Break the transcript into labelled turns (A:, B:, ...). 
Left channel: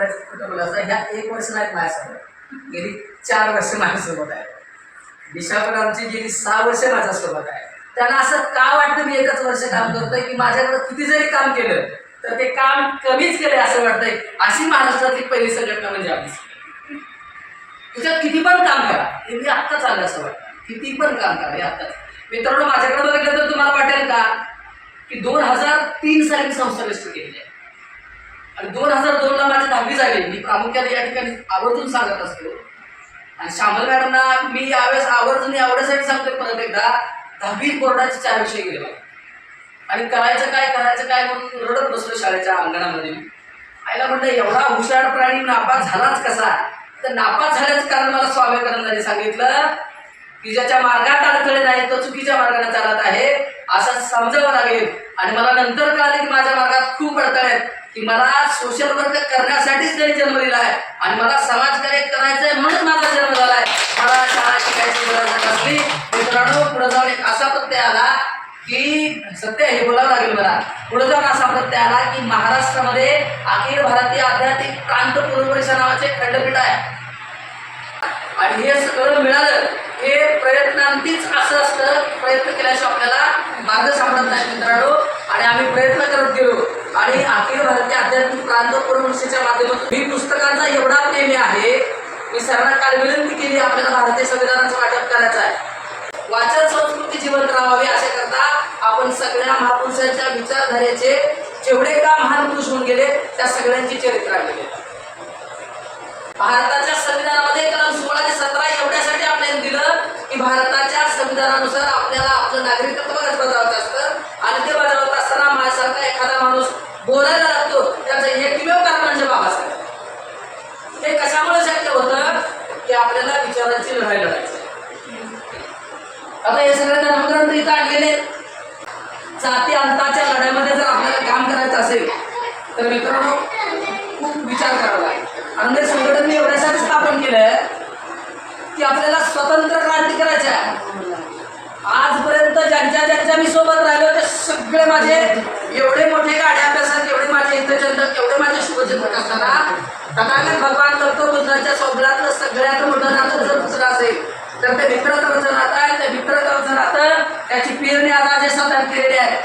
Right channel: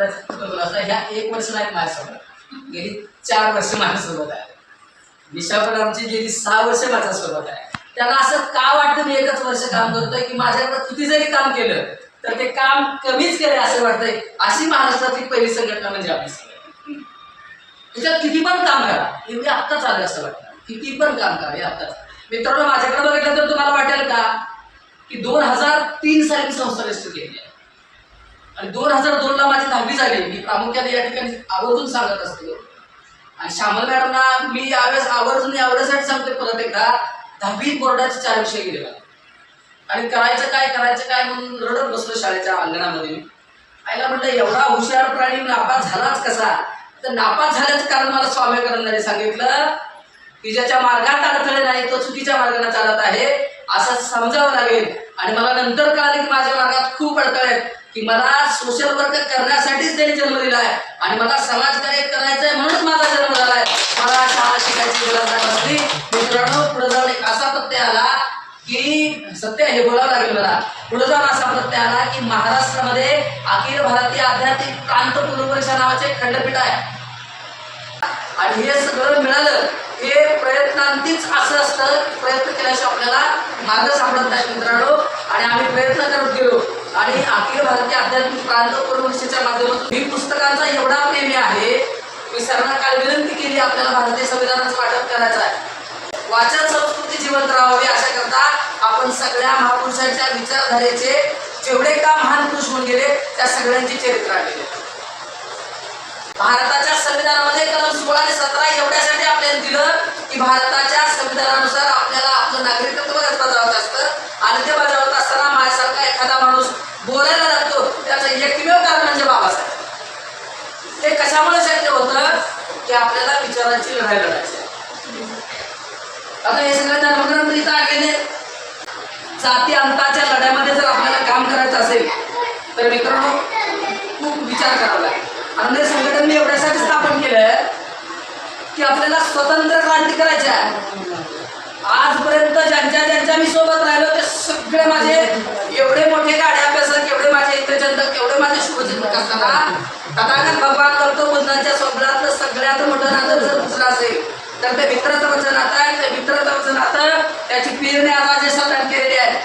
A: करायचं कुठं बोलला असता ह्या एक वर्ष नाही माझ्यासोबत गेली चार वर्ष माझ्यासोबत आहे. दिशा पण आमची गेली सहा वर्ष माझ्यासोबत आहे. त्यांना असं का वाटतं मी एकच वर्ष काम करतोय की माझ्याकडं किती जरी काम केलं तर ते काम कमीच केलंय असं वाटतंय. अशी महाराष्ट्रातली पहिली संघटना म्हणजे आपली त्याच्यात किती पण काम करा. हे मी आत्ताच आलं असं वाटतं. किती पण काम करा हे आत्ताच. मित्रांनो माझ्याकडे बघितलं तर तुम्हाला वाटेल का? की दोन हजार तीन साली मी संस्था रजिस्टर केली आहे. आणि दोन हजार दोनला माझी दहावी झाली. मी प्रामुख्याने या ठिकाणी आवर्जून सांगत असतो. आणि श्यामल मॅडमना मी यावेळेस आवर्जून एवढ्यासाठी सांगतोय परत एकदा दहावी बोर्डाचे चार विषय गेले मला आणि करायचं काय करायचं काय म्हणून रडत बसलो शाळेच्या अंगणामध्ये मी. आईला म्हटलं एवढा हुशार प्राणी नापास झालाच कसा? तर नापास झाल्याचं कारण मला स्वामी सांगितलं की ज्याच्या मार्गात अडथळे नाही तो चुकीच्या मार्गाने चालत आहे असं समजावं लागेल. आणि मला नंतर कळालं की माझ्या मार्गात खूप अडथळे आहेत की मला सोशल वर्क करण्यासाठी त्यांनी जन्म दिला आहे. आणि मला समाजकार्य करायचं आहे म्हणून माझा जन्म झालाय मला शाळा शिकायची गरज नसली मित्रांनो पुढे जाऊन एक असा प्रत्यय आला की सत्य हे बोलावं लागेल मला. पुढे जाऊन असा प्रत्यय आला की महाराष्ट्रामध्ये अखिल भारतीय आध्यात्मिक कांत पूर्वपरीक्षा नावाचे खंडपीठ आहे. आणि हे सगळं मिळालं हे प्रयत्नांतीच असं असतं प्रयत्न केल्याशिवाय आपल्याला मार्ग सापडत नाही मित्रांनो आणि आम्ही प्रयत्न करत गेलो आणि अखिल भारतीय आध्यात्मिक प्रांत पूर्वपरीक्षेच्या माध्यमातून ही पुस्तकांचा एवढा प्रेमी आहे मी सरांना काल विनंती केली आपल्याला भारतीय संविधानाचं वाटप करायचं आहे. वाचन संस्कृती जिवंत राहावी अशा करता आपण सगळ्या महापुरुषांच्या विचारधारेचे जेवढे का महान पुरुष होऊन गेले त्या सगळ्यांची चरित्र आणलेली भारताच्या संविधानामध्ये कलम सोळा ते सतरा एवढ्यासाठी आपल्याला दिलं की भारताच्या संविधानानुसार आपल्याला आपलं नागरिकत्व बजावायचं असतं आणि ते बजावत असताना माझ्यासारखा एखादा माणूस बोलायला लागतो त्याचं एकमेव कारण म्हणजे बाबासाहेब. ते कशामुळे शक्य होतं? की आपल्याला विचारांची लढाई लढायची. आता हे सगळे धर्मग्रंथ इथं आणलेले जाती अंताच्या लढ्यामध्ये जर आपल्याला काम करायचं असेल तर मित्रांनो खूप विचार करावा लागेल. आणि हे संघटन मी एवढ्यासाठी स्थापन केलं की आपल्याला स्वतंत्र क्रांती करायची आहे. आजपर्यंत ज्यांच्या ज्यांच्या मी सोबत राहिलो ते सगळे माझे एवढे मोठे गाड्या अभ्यासक एवढे माझे इंद्रचंदक एवढे माझे शुभचिंतक असताना तथागत भगवान करतो बुद्धांच्या स्वप्नातलं सगळ्यात मोठं नातं जर दुसरं असेल तर ते मित्राचं वचन नातं आहे ते मित्राचं वचन नातं त्याची पेरणी आज असे केलेली आहे.